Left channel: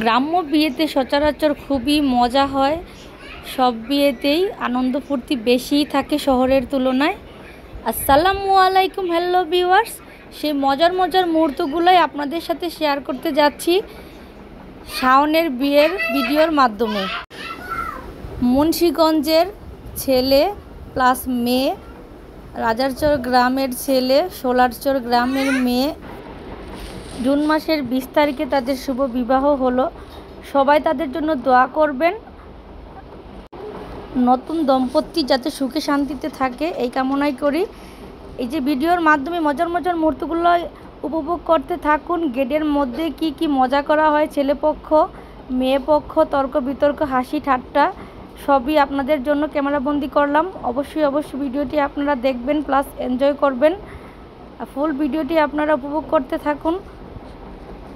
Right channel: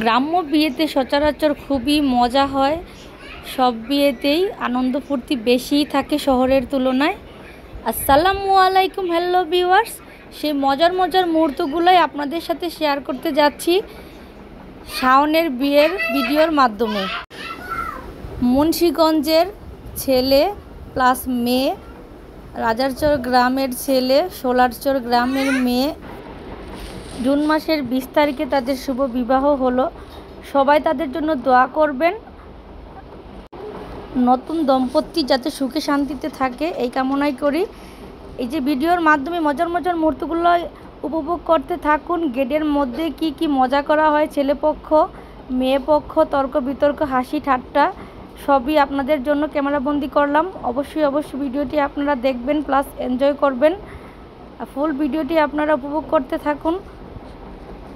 গ্রাম্য বিয়েতে সচরাচর খুবই মজা হয়। সব বিয়েতেই আনন্দ ফুর্তি বেশিই থাকে শহরের তুলনায়। আসসালামু আলাইকুম, হ্যালো ভিউয়ার্স। সেই মজার মুহূর্তগুলোই আপনাদের সাথে শেয়ার করতে যাচ্ছি শাওনের বিয়ের ভিডিওর মাধ্যমে। মুন্সিগঞ্জের ছেলে প্লাস মেয়ে, রাজারচর গ্রামের ছেলে, সোলারচর গ্রামের মেয়ে, জুন মাসের 20 তারিখে তাদের শুভ বিবাহ হলো। সবাই তাদের জন্য দোয়া করবেন, নতুন দম্পতি যাতে সুখে শান্তিতে থাকে এই কামনাই করি। এই যে ভিডিওর মাধ্যমে মজার মুহূর্তগুলো উপভোগ করতে থাকুন। গেটের মধ্যে কি মজা করা হয়, ছেলেপক্ষ মেয়ে পক্ষ, তর্ক বিতর্ক, হাসি ঠাট্টা সবই আপনাদের জন্য ক্যামেরাবন্দি করলাম। অবশ্যই ভিডিওটি আপনারা দেখবেন প্লাস এনজয় করবেন। ফুল ভিডিওটি আপনারা উপভোগ করতে থাকুন।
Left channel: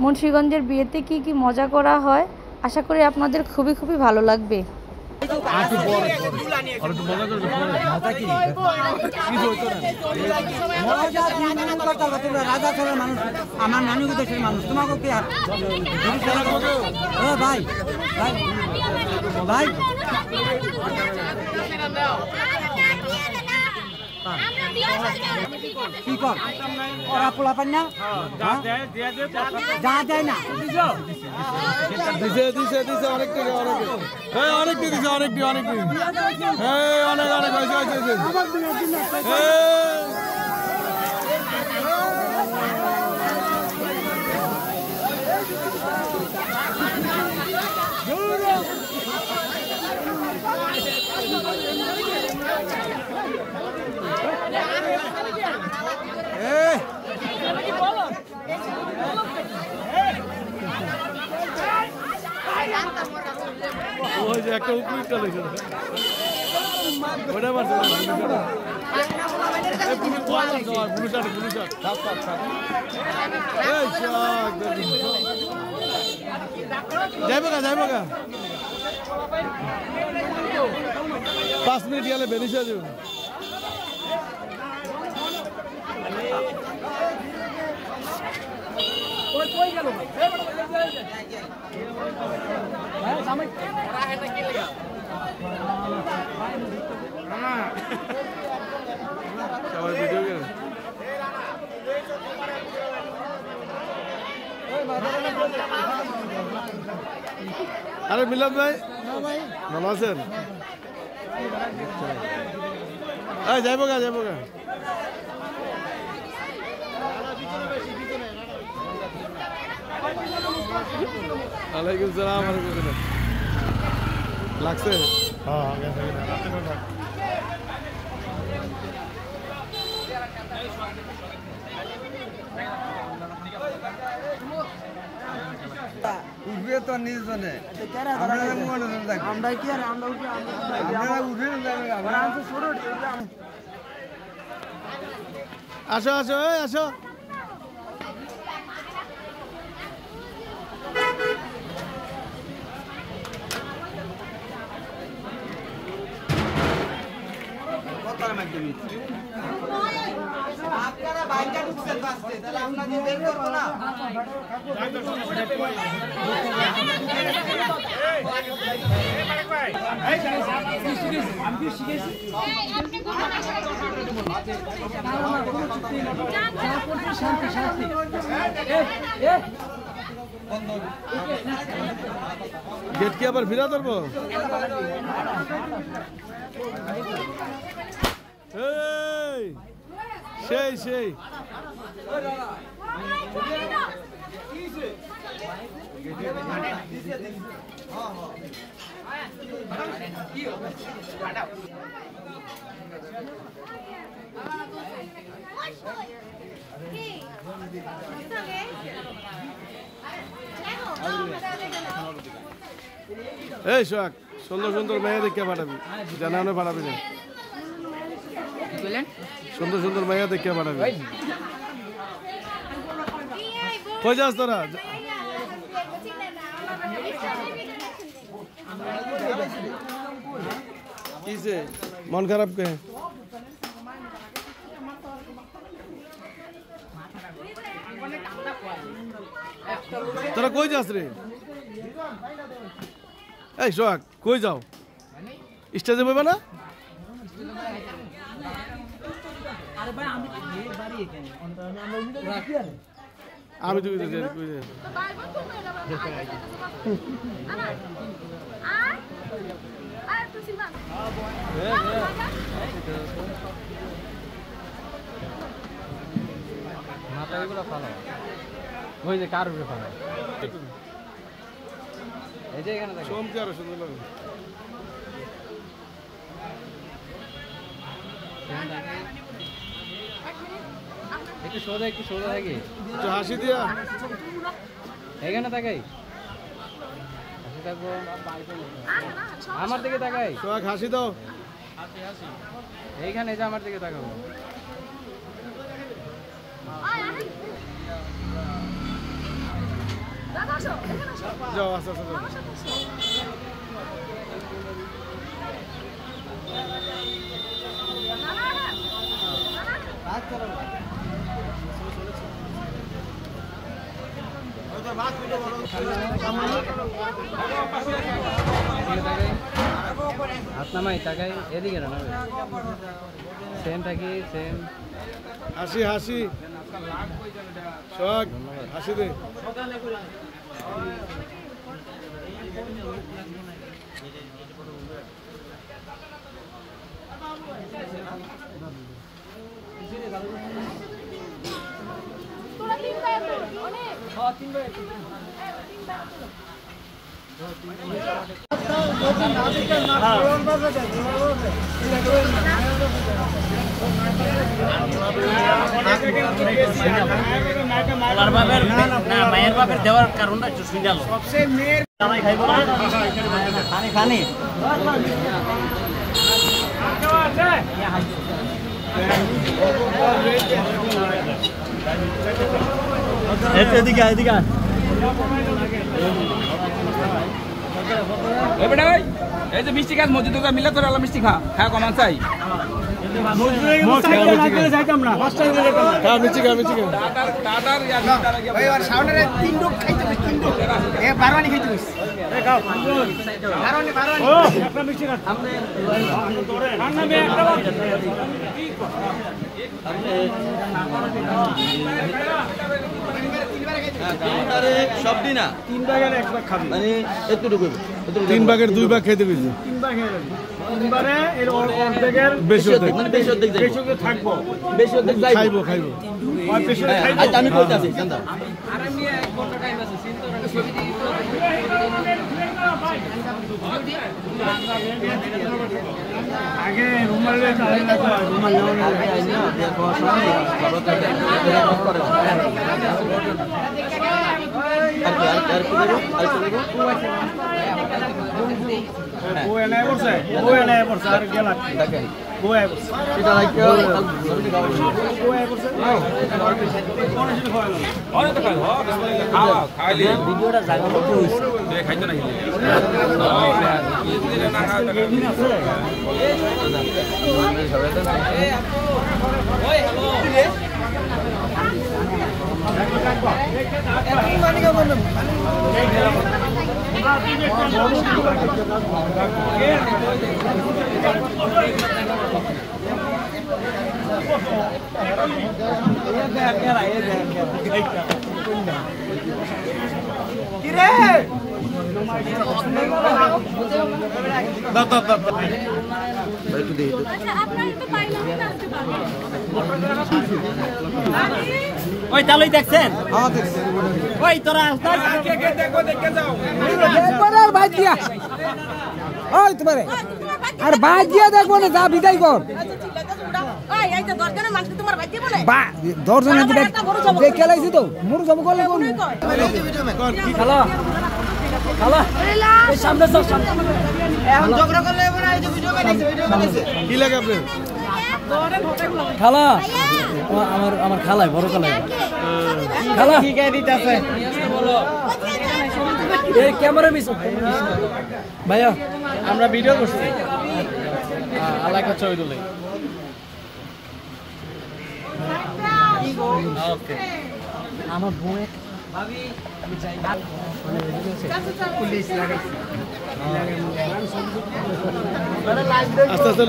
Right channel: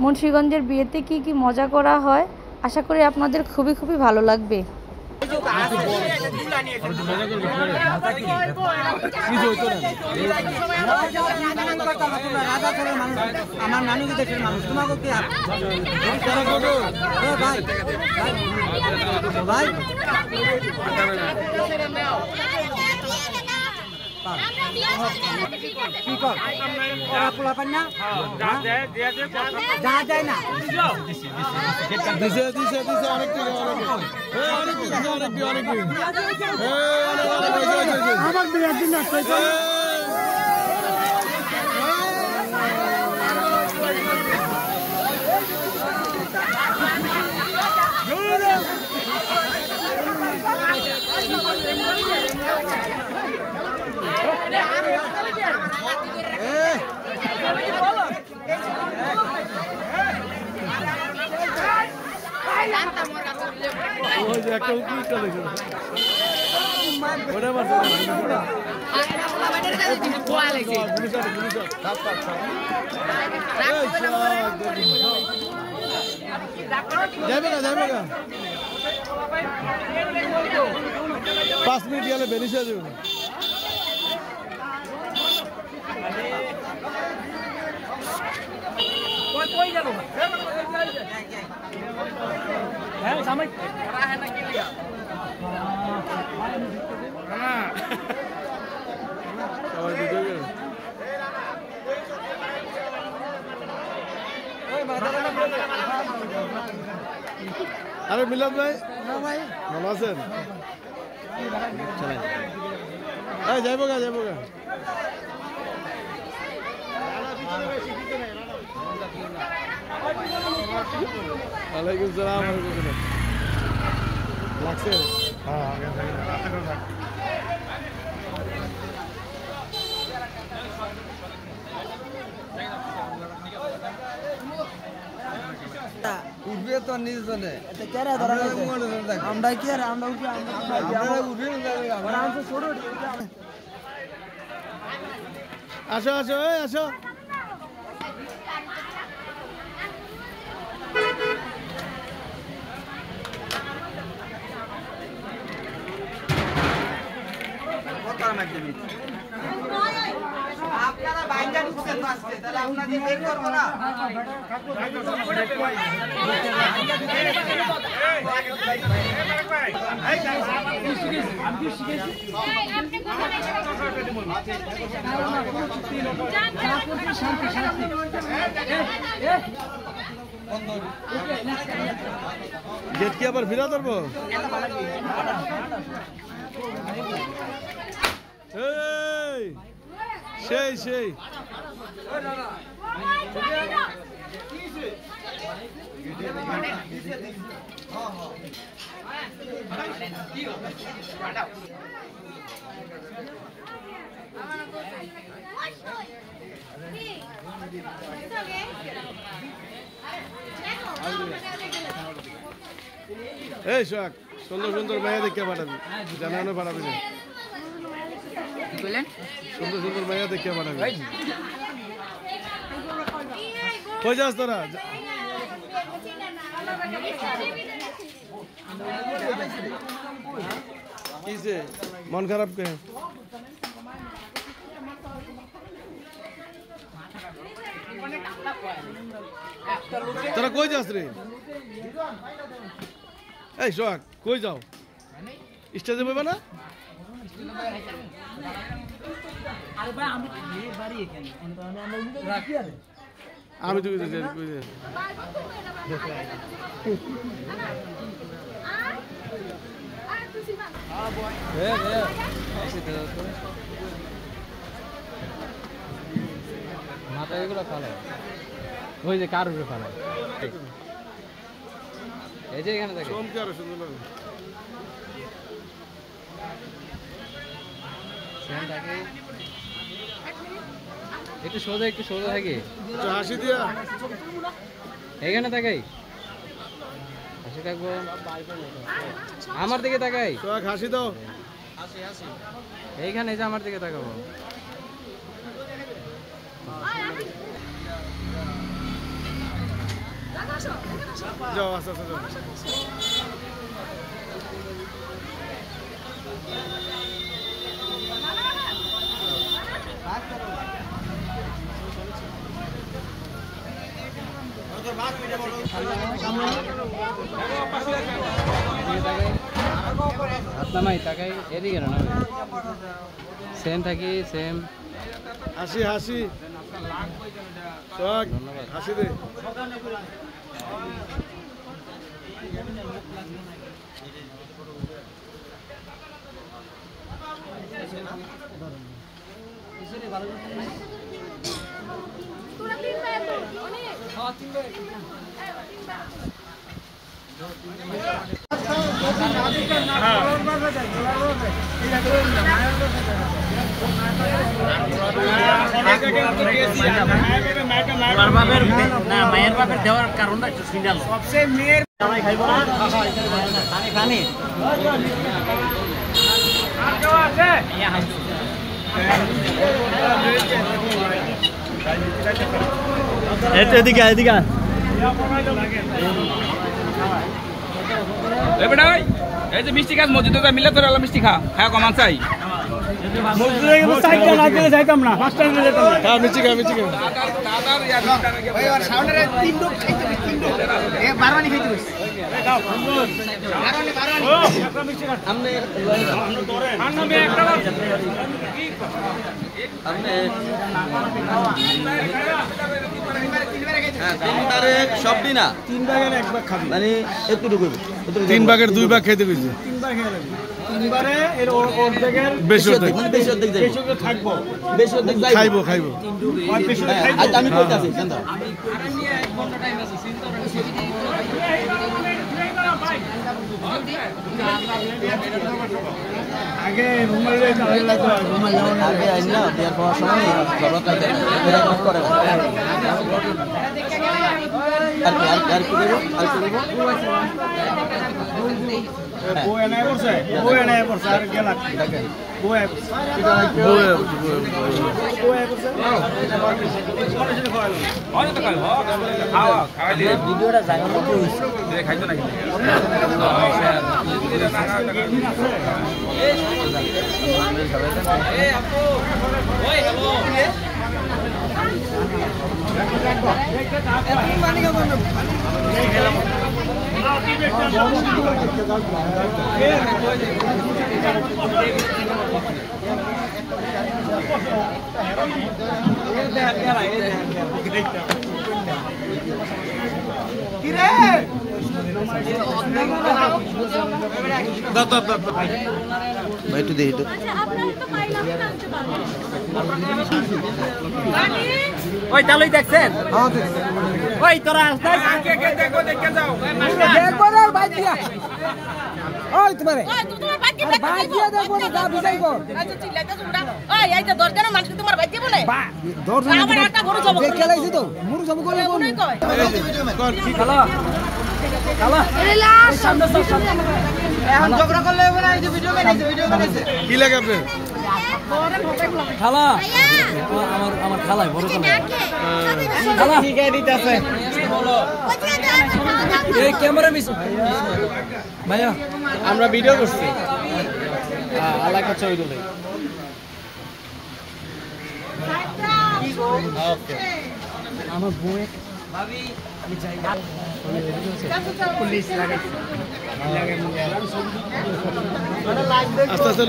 মুন্সিগঞ্জের বিয়েতে কি মজা করা হয়, আশা করি আপনাদের খুবই ভালো লাগবে। আমার নানুকে দেশের মানুষ তোমাকে ভাই ভাই কি কর পোলা পান না যা দেয় না দিছে অনেক টাকা অনেক দিছে অনেক একটা উপরিটা লেগে ওটা মারছে যাইবে গা 5 মিনিট গেলে বেরিয়ে যাবে। সবাই ভিডিও করে আরে মিলাদ ভাই, ভালো আছেন? যাইব গা ওয়ালাইকুম সালাম। লাগছে উঠবে তো নিজজনে আসো আসো আপনারা বাইকটা ঢুকছেন বাসে, তাহলে আপনাদের বের করবো না। গেট কি আবার ফিরা ধরবো? সেই এই শোক সুন্দর মাইয়া দেখে পাঠাবি, জানানো পাঠাবি না। সুন্দর মাইয়া দেখে পাঠাবি। কই যাস তোরা? মন খারাপ কে? তোরা কই যাস রে? এই সোহাগ কই যাও স্টেজে বইবা না আরে ভাই আমি বাড়ি এখানে আমরা কি আরে আমি তো কইতেছি কই যে মাথাগুলো ফেলে ওই যে কার উপরে ফেলে এই যে এখানে দেখো সোমকে আরো সুন্দর লাগে একটু সোজা থাকে একটু হাসি দিয়া এখানে তাকাই হাসি থাকবো আমার দিকে তাকাই সোহাগ হাসি দাও এইখানে যে আমার দিকে তাকাবো যাও আস্তে আস্তে যাও আপনার তাকাই এদিকে না সেম থাকি সেম হাসি হাসি সোহাগ হাসি দে মায়ের বাপের দেওয়ার কারণটা সিঙ্গাল সবচেয়ে মেয়ের খানি এদিকে এদিকে বেটা ভাই এই যে মিষ্টি খাস মসজিদে মিলে তোর আলা মিষ্টি খা হ্যাঁ কমান চাই যাইতাম না হ্যাঁ মিচি খা টাটার ভাই আর সাউন্ডের তিন লোক খাইতে হবে তিন লোক এ বারবানি খাইতে হবে বারবানি ও একটা মিষ্টি না সামনে আমি একটা সব দিন না 3 ভাগের 1 ভাগ খাবি মানে এতটুকু 3 ভাগের 2 ভাগ খেতে কইছে 3 ভাগ খেয়ে নেবি 3 বারে এর অর্ধেকের বেশি অর্ধেক মানে বেশি অর্ধেক থাকবো বেশি অর্ধেক খাইবো খাইবো আর বেশি অর্ধেক খাইবো আজ আমি কইতাছি কান্দা আগে রুমালে চাইলা তো রুমালে আগে আইনা দিয়ে সমস্যা নেই বাবা তাকে মেরা কষ্ট করে আর কি ও এনে বসে আর গেলা দেখে ও এনে বসে এটা লাগে ও এনে বসে অনেক তো খাওয়া খাইলে ভিডিওটা জায়গা মতো হইছে খাইতে না একটু দেখি তো ওই তালই দেখছেন ওই তোরা কে দেখবো দেখতে যাও দেখবো রে ভাই দিয়া ওই তোমারে আর ভাই দিয়া দেখবো না যা বিদায় কর বা দর্শন যে খেলাইছি তো মোর সব করে কোন কি খেলা এখন ঝগড়া করলে বলে এই যে ভিডিও বানাইছে কি লাগে আপনার খালা আমার খালাই বড় খালা ঠিক আছে দিতেছে এই ক্যামেরা মিস ভাইয়া আমরা ভিডিও করছি আল্লাহ কা ছবি তুলে আমার বউ আস্তে আস্তে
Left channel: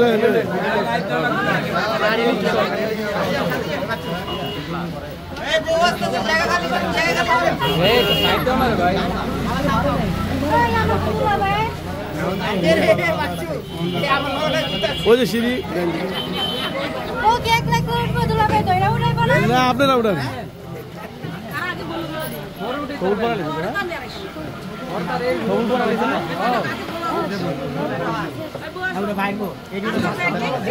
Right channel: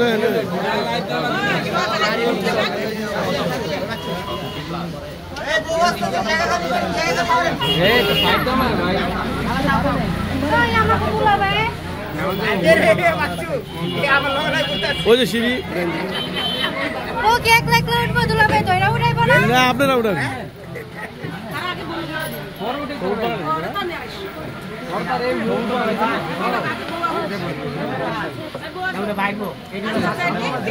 ওই যে সিঁড়ি না আপনারা উঠান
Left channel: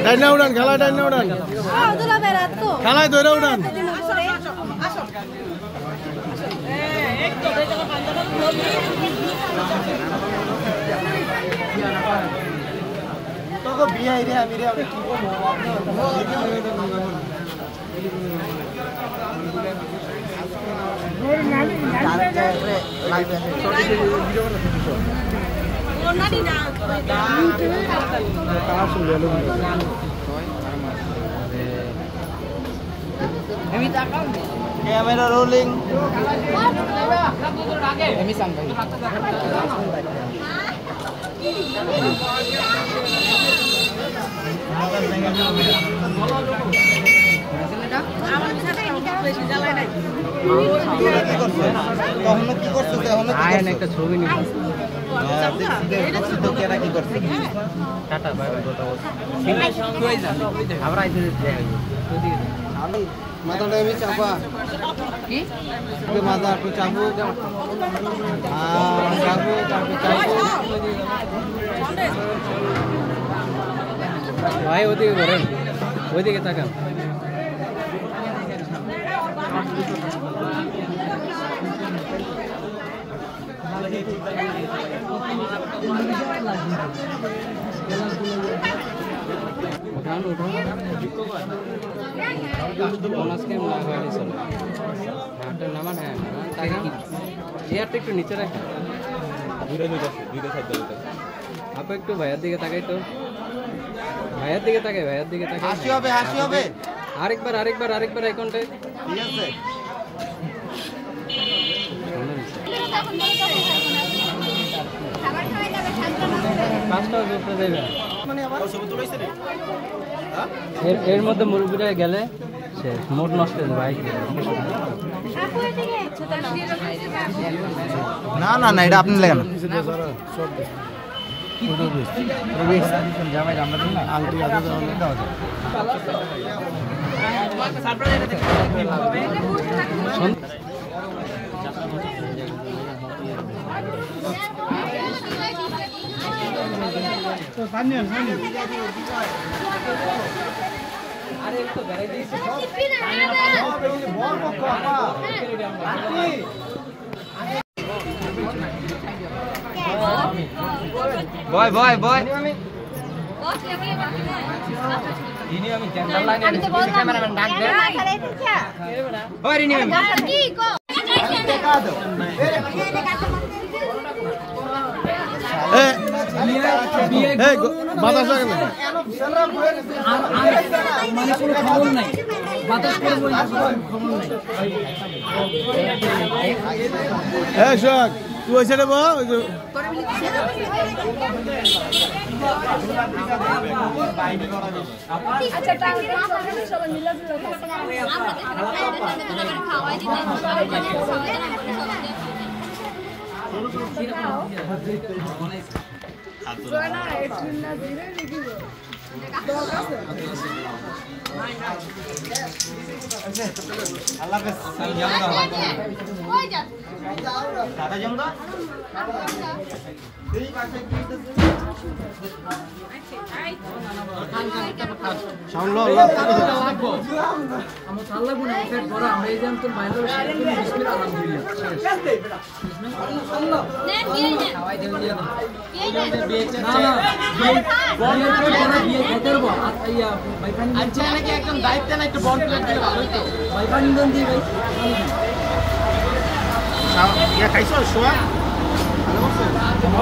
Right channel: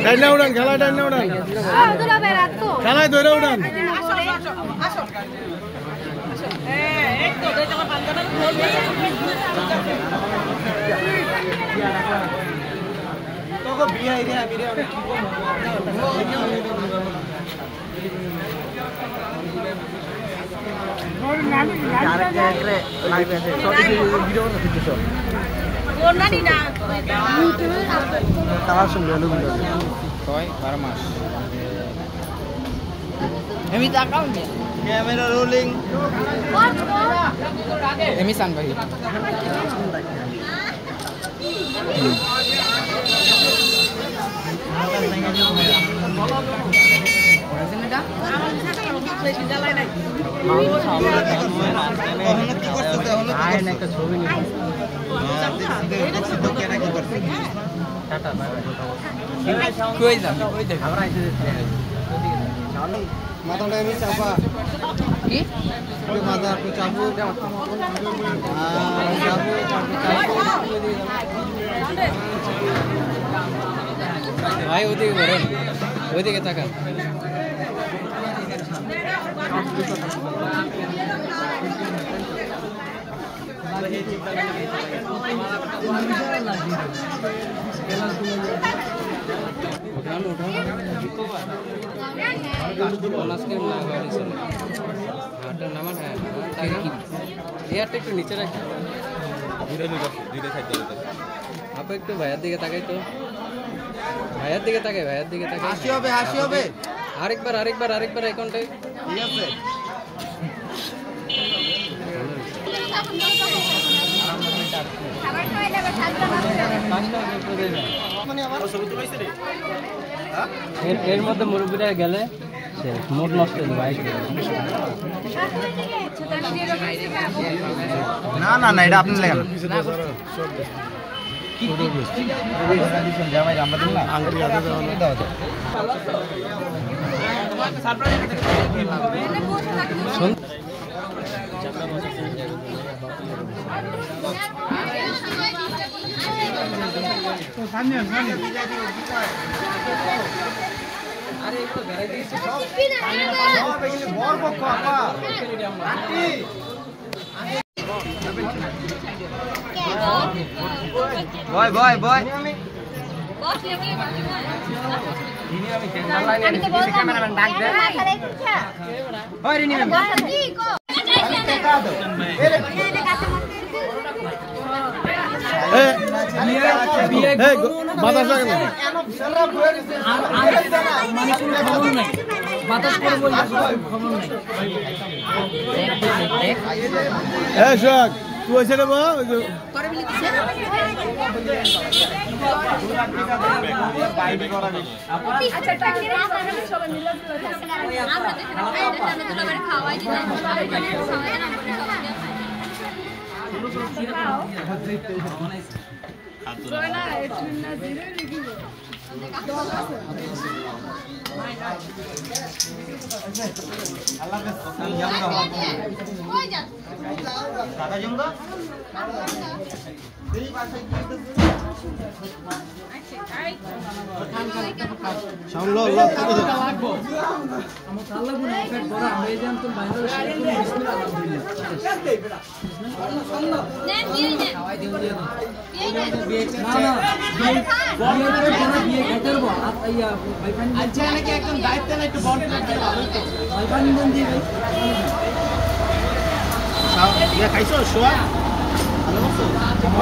টাইনা উড়ান খেলা টাইনা উড়ান খেলায় ধরে উড়ান ক্যামেরা রোলিং এমিশন ভাই কখনো কি করছো কখনো কি করছো একটা ছবি নিয়ে দেখছি তো কেনা কি করছে টাটা কই যা আমরা আইছি মাথাটা এমনি চাপা কি মাথা একটু চাপু ভাই ওদিকে বলেন ওদিকে তাকান একটু নিচে রাখি আপু একটু ভাইয়ের দিকে তাকাই তো ভাইয়ের দিকে তাকাই ভাইয়ের দিকে তাকাই হাসি হবে আরেকবার আরেকবার আরেকবার এই কোনটাই ঠিক আছে এর মধ্যে মুরব্বীরা গেলে সে মোট নষ্ট হয়ে যাবে না না না এটা আপনি লেখেন আংটি হাতে দেওয়া না আরে একটু গাড়ি দিয়েছে সব বড় পক্ষ আপা আন্টি বয় বয় বয় আমি তো বললাম ক্যামেরাম্যান ডাক দে ওই রিনি ম্যাম বাতাস লাগে না মানে কোনো খবর নাই বাতাস করে বলতে খবর নাই সোহাগ তুই ওই সাইডে বা ওই যে খাওয়াই দিতে একদম দায়িত্ব না একটু বড় খাইছো সোয়া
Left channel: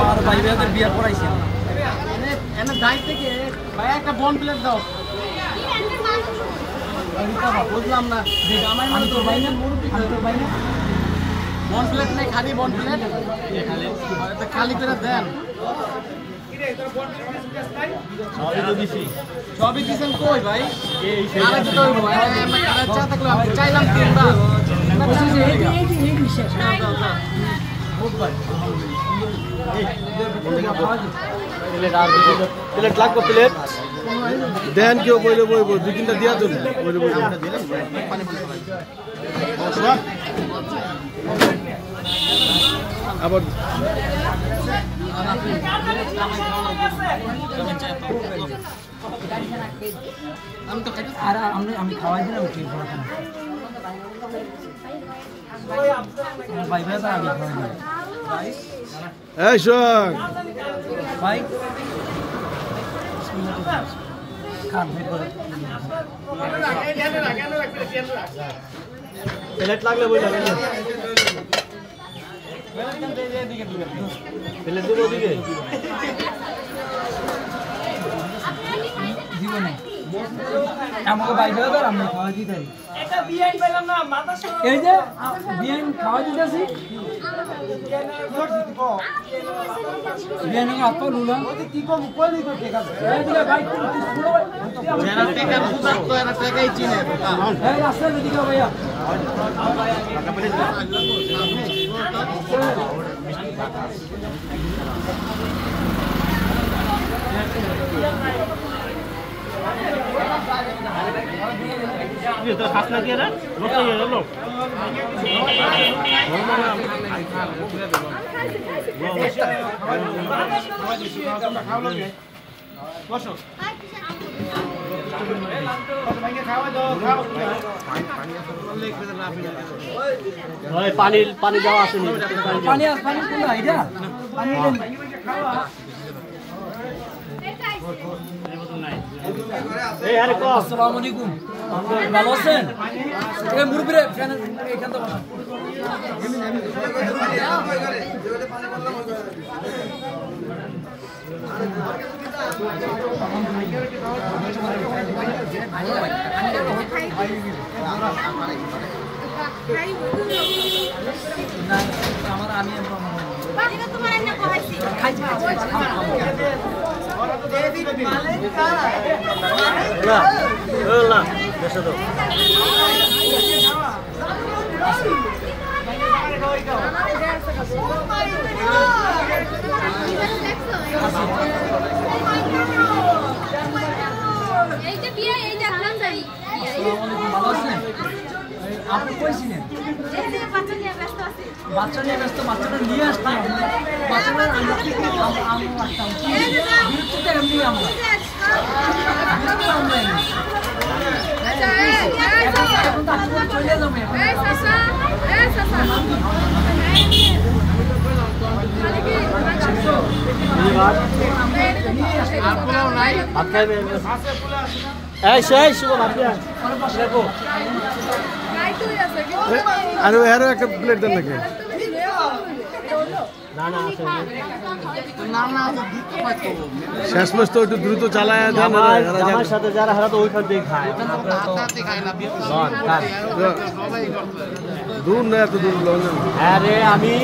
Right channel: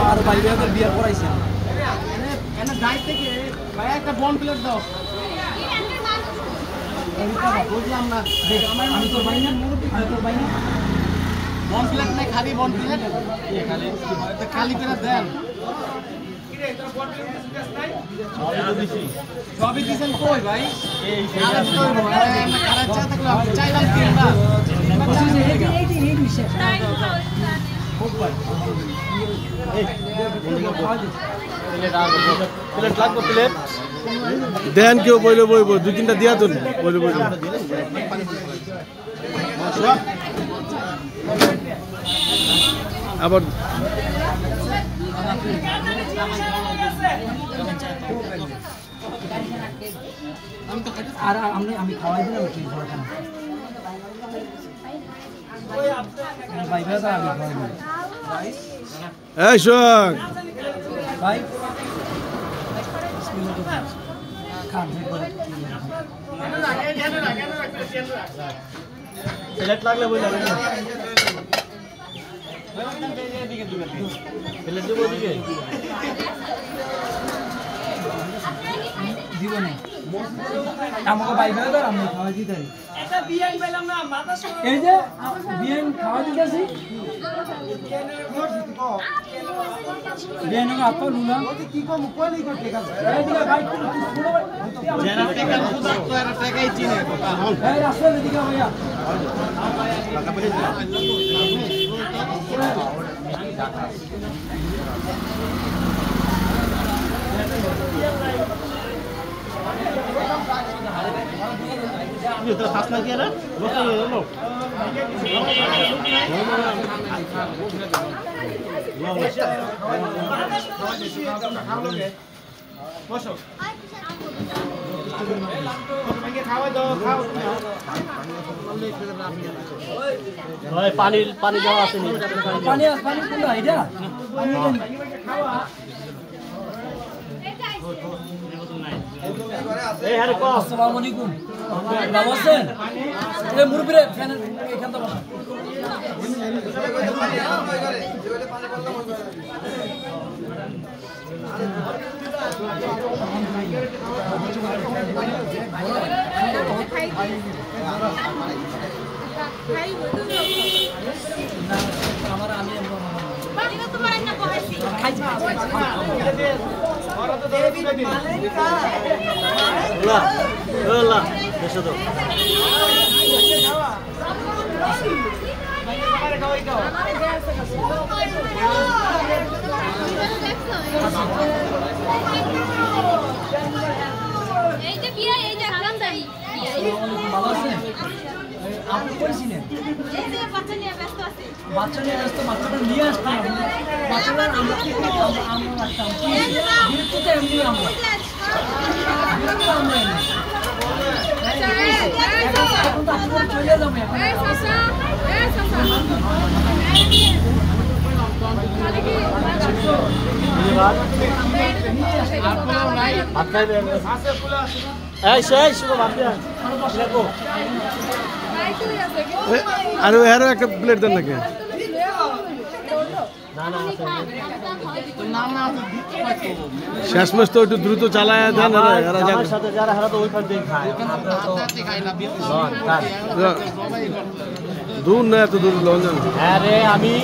আর ভাই ভাইদের বিয়ার পড়াইছে এনা দায়িত্ব থেকে ভাই একটা বন প্লেট দাও বুঝলাম না আমি তোর ভাই না আমি তোর ভাই না বন প্লেট নাই খালি বন প্লেট এটা খালি করে দেন সবই দিছেন কই ভাই আরে তো আরে চা থাকলো চাইলাম তিনবার এই বিশেষ খুব ভাই প্লেট লাগবে প্লেট দেন কেউ বইলে বইব দুই তিনটা দিয়া তো বইলে বইব আবার আমি খাওয়াই দিলাম ঠিক আছে ভাই ভাই আমি খাওয়াই দিলাম এই শোন ভাই প্লেট লাগলে বই যাবে না প্লেট দিবে দিবে জীবনে আমাকে বাইরে দাও আমরা খাওয়া দিতে একটা বিয়ান পেলাম না মাথা এই যে বিয়ান খাওয়া দিতেছি বিয়ান এর আপা লুলা কি কম কইলি কই টাকা এই দিলে ভাই যারা টাকা সুদা তো এর টাকাই চিনে এই রাস্তা দিকে ভাইয়া ये तो खास ना किया ना लो पानी पानी देওয়া আছে পানি পানি কোনটা এটা পানি দেন এই আরে কো আসসালামু আলাইকুম ভালো আছেন এই মুরবিরে ফ্যান এখানটা বসা আপনি কইছিলেন বাচ্চা নিয়ে ব্যস্ত বাচ্চাটা নিয়ে আসতাম বাচ্চাটা আমরা কি আমরা আসতাম বিরুদ্ধে এমনি আমরা চলে যাবো আরে আরো একটা প্লেট দেন নাকি শেষ মাস তো একটু দ্রুত চালায় দেন সাথে যারা হারা তো ওই পার দিয়ে খায় দূর না এত দূর আরে আমি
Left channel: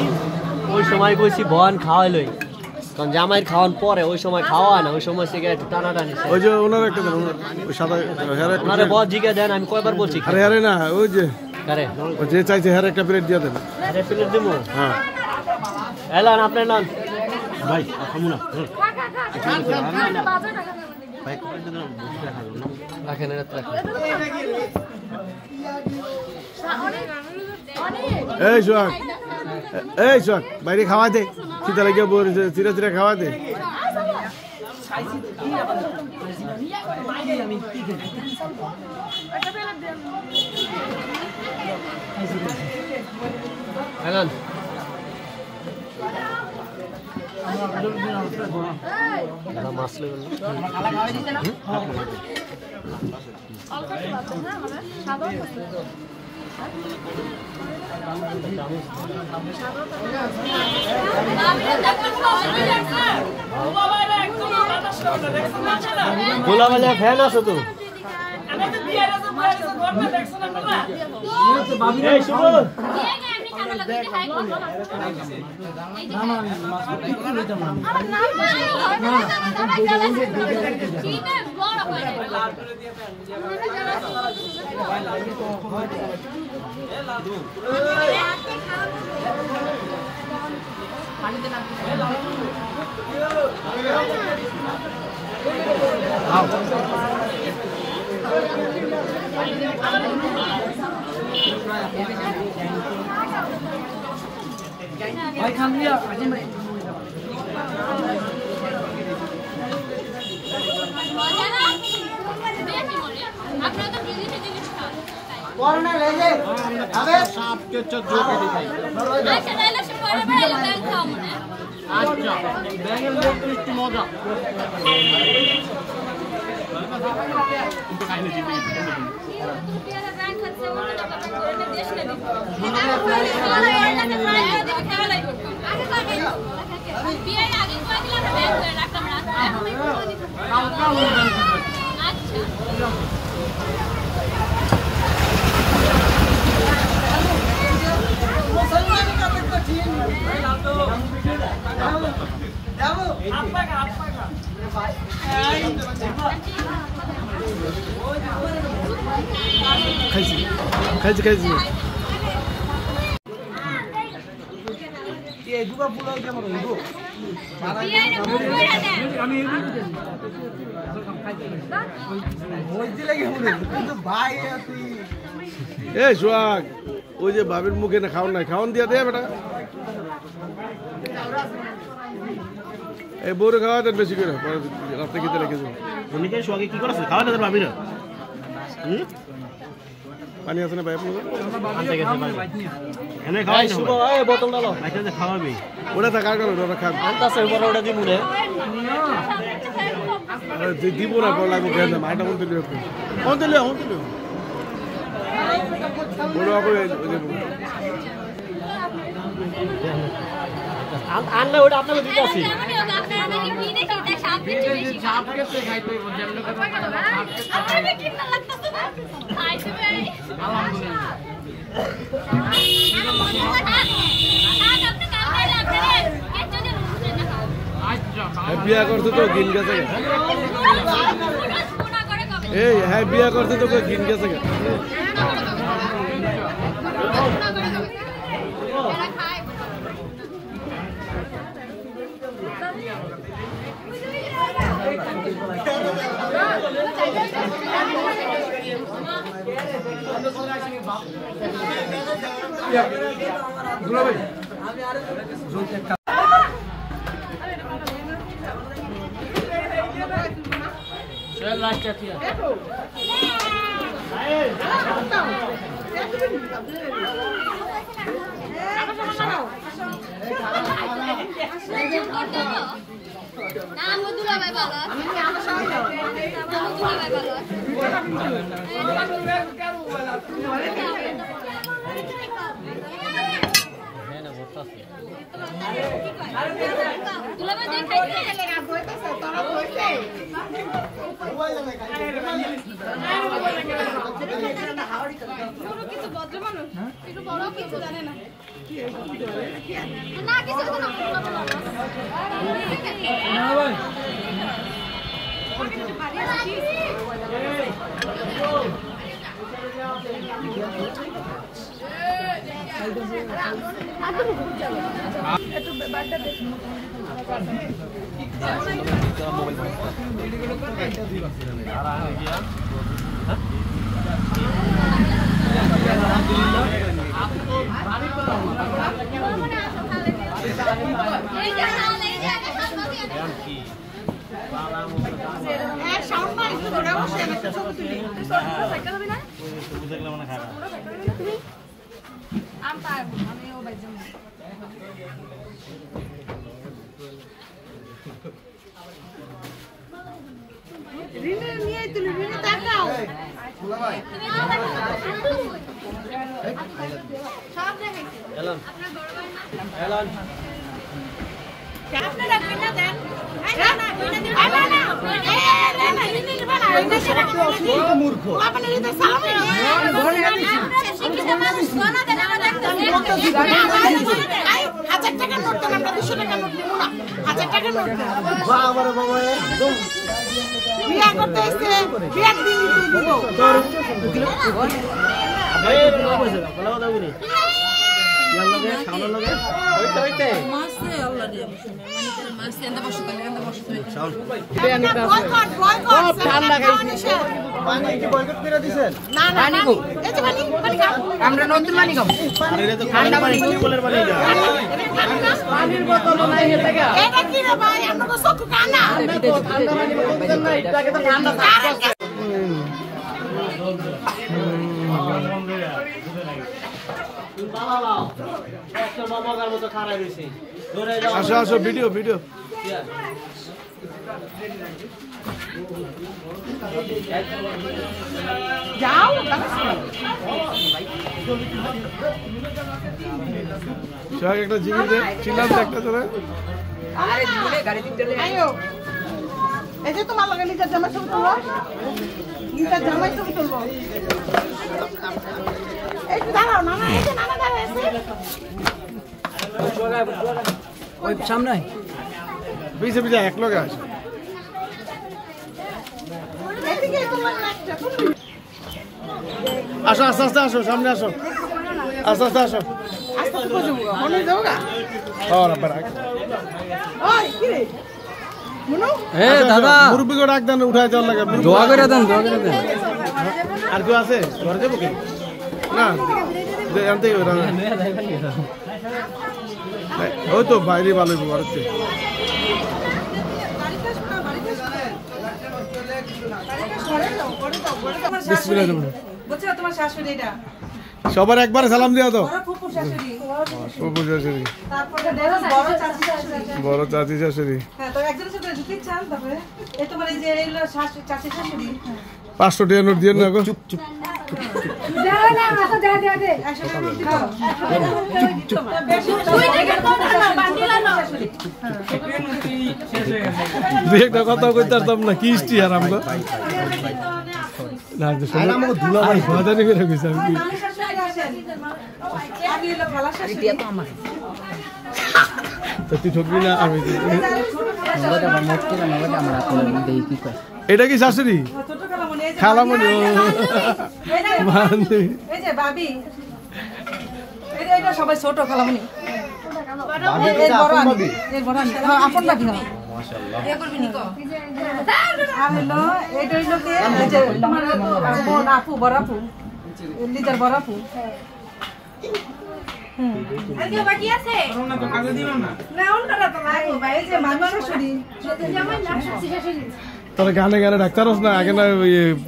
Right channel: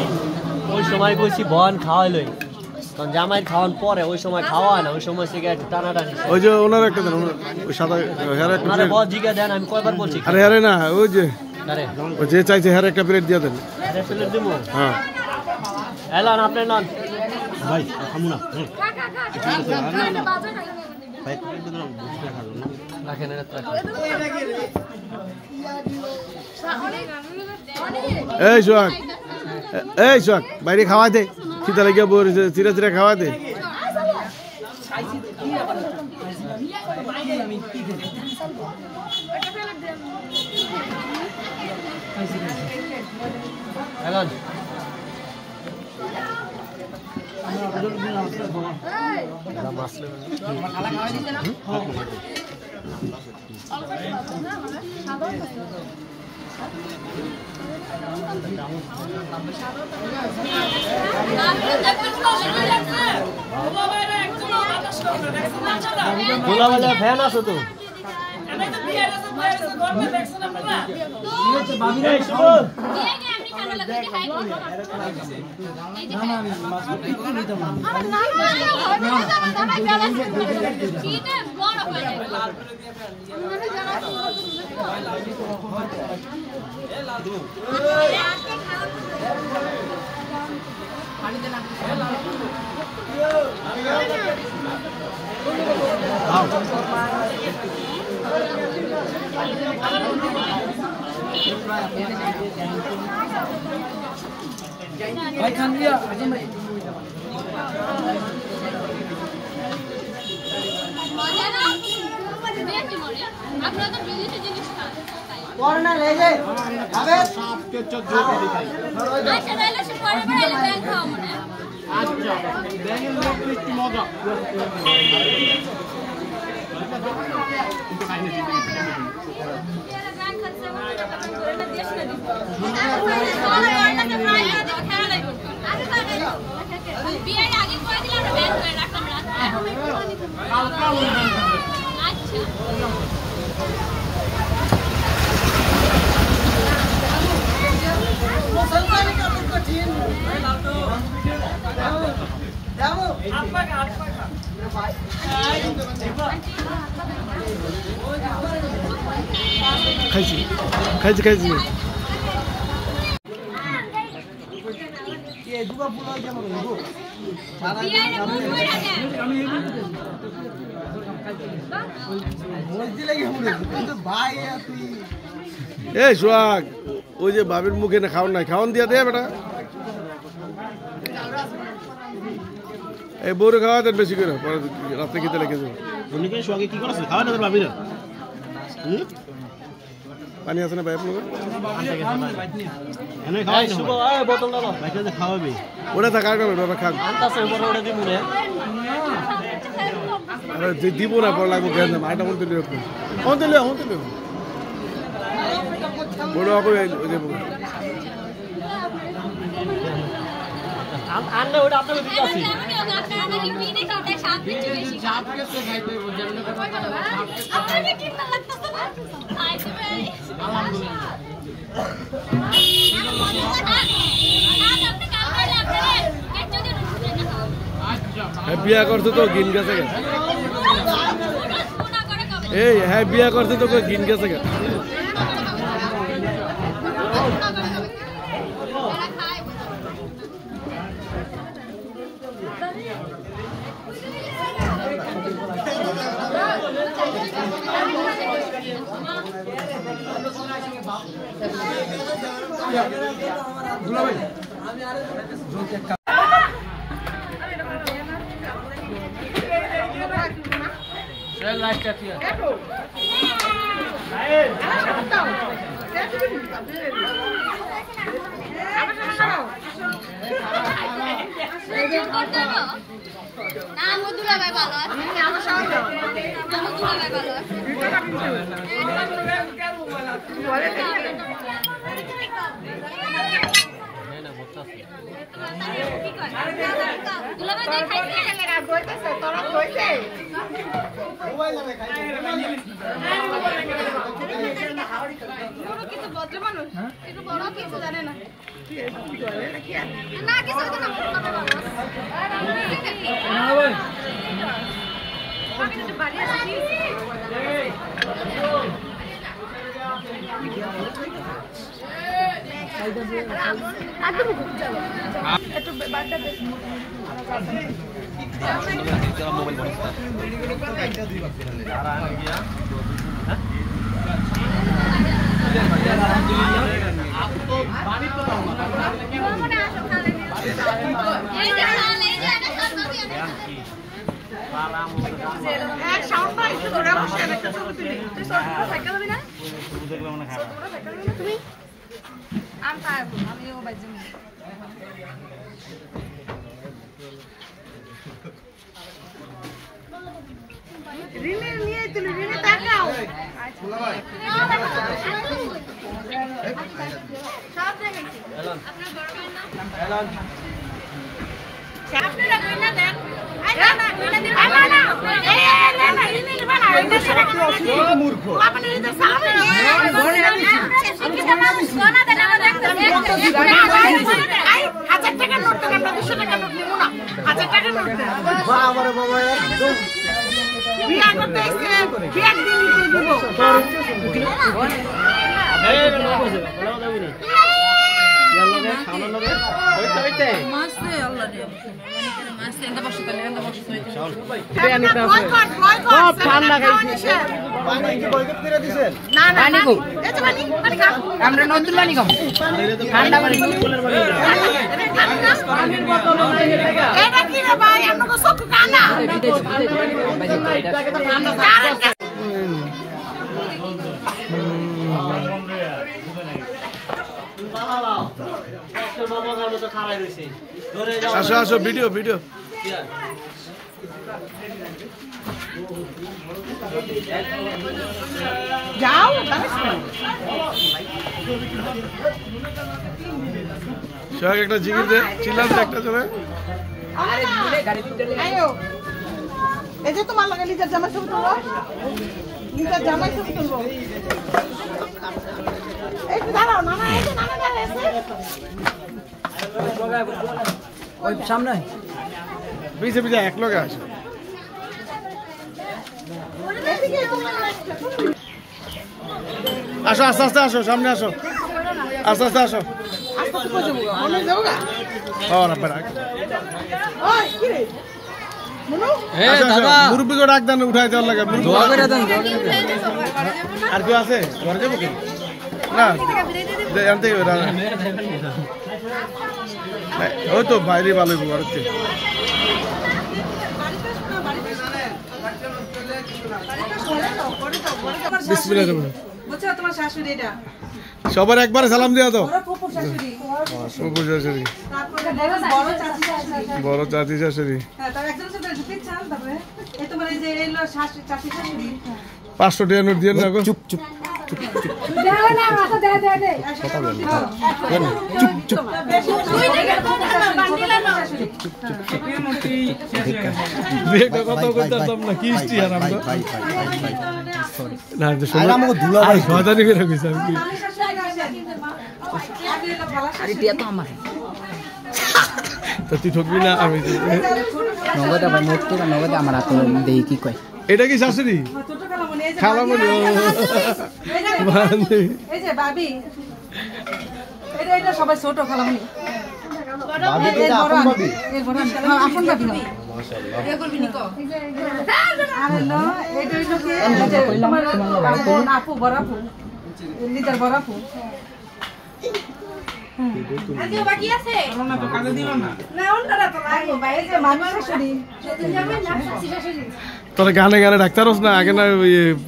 ওই সময় কইছি বন খাওয়াইলই তখন জামাইয়ের খাওয়ান পরে ওই সময় খাওয়া না ওই সময় সিগারেট টানাটানি ওই যে ওনার একটা দেন ওই সাদা হেরে একটা আরে বড় জিগা দেন আমি কয়বার বলছি আরে আরে না ওই যে আরে ওই যে চাইছে হেরে একটা প্লেট দিয়ে দেন আরে প্লেট দেবো হ্যাঁ এলান আপনি না ভাই খামু না এই সোহাগ এই সোহাগ বাইরে খাওয়া দে খিদা লেগে বসে চিরা চিরা খাওয়া দে ফ্যান আছে তো भाई खान लिया अजय भाई করোনা লেগে আবে সাপকে চোখে দেখাই আচ্ছা ব্যাঙের লেগ পিস মজা কিন্তু খাইনি জিন্দগি খাইছি খাইছি খাইছি এই দুবা পুলাই কেমন হইবো মজদি লাগে মনে কিন্তু ভাই তুই এ সোহাগ ওই যে বাবির মুখে না খাওয়ান নাই খাওয়ান দিয়া দে বেটা এই বউরে খাওয়া দেন বেশি করে রাত্রে খেতে লেগে যাবে অনেকে সোহাগে কি করছ খাওয়া না বাবির পানি আছে না ভাই আপনার এনে খাওয়াই না এই বোতলটা দাও বাইরে খাওয়াবি ওটা থাকার কারণে ওটা খান আনতাছে ওটা দিমু রে আরে দিব না পড় লাগবে কেন মাইটা বলতে দিও কোনতে লিও বড় হবে ওই যে আনলে ওটা আপনাকে দিতে আছে বিয়া করছে তো গিন গেছে এই হ্যাঁ বিয়া করছে তো গিন গেছে মূর্খ বাবা বাবা একদম আমরা নতুন পানি খাবো আসো আসো ভিডিও ভিডিও একটা জিগির দে চিল্লাম একটা চলে এই যে তোমার লাগে লিজার জামাই ছবি তুলবো লিজার জামাই ছবি তুলবো এই যে দাঁড়াও নানা এই যে নানা দাঁড়ায় আছে ওই সামনে পিছে পিছে এক লগে আসো এদিকে তোমার একটা আসো আস্তে আস্তে আসো সামনে আসো আস্তে আস্তে আসো আস্তে আস্তে কই যাবো অনেক যাবো গা ওই কি রে মনু মুরব্বীকে ডাক দেন উঠাই দেওয়ার লাগে আর কেউ আছে ঘরে যাবো কি না জানতে ওই তো বাইরে ভালো ঘরেতে তোমার শাশুড়ি এটা সবার একবারে সালাম দিয়া তো ফুফু শাশুড়ি ফুফু শাশুড়ি তারপরে বড় চাচি শাশুড়ি বড় চাচি শাশুড়ি হ্যাঁ তো একজন সাথে ঢুকতে চান তারপরে এই তোমার এই যে এলো শাশুড়ি চাচি শাশুড়ি 500 টাকা নোট দিয়ে না গো চুপ চুপ দে না মাথা দে দে দে চুপ চুপ একটা কথা কইতাম না কি ইষ্টি আর আমরা না যে সময় আমাকে ধুলা ভাই বাজারে বের হইছে আর কি তো তুই ঠকবি না আমি এটা কি শাশুড়ি খালামণি ও এই যে ভাবি এটা সবাই ছোট খালামণি তোরা গানে গানে ডাক্তারস না আগে না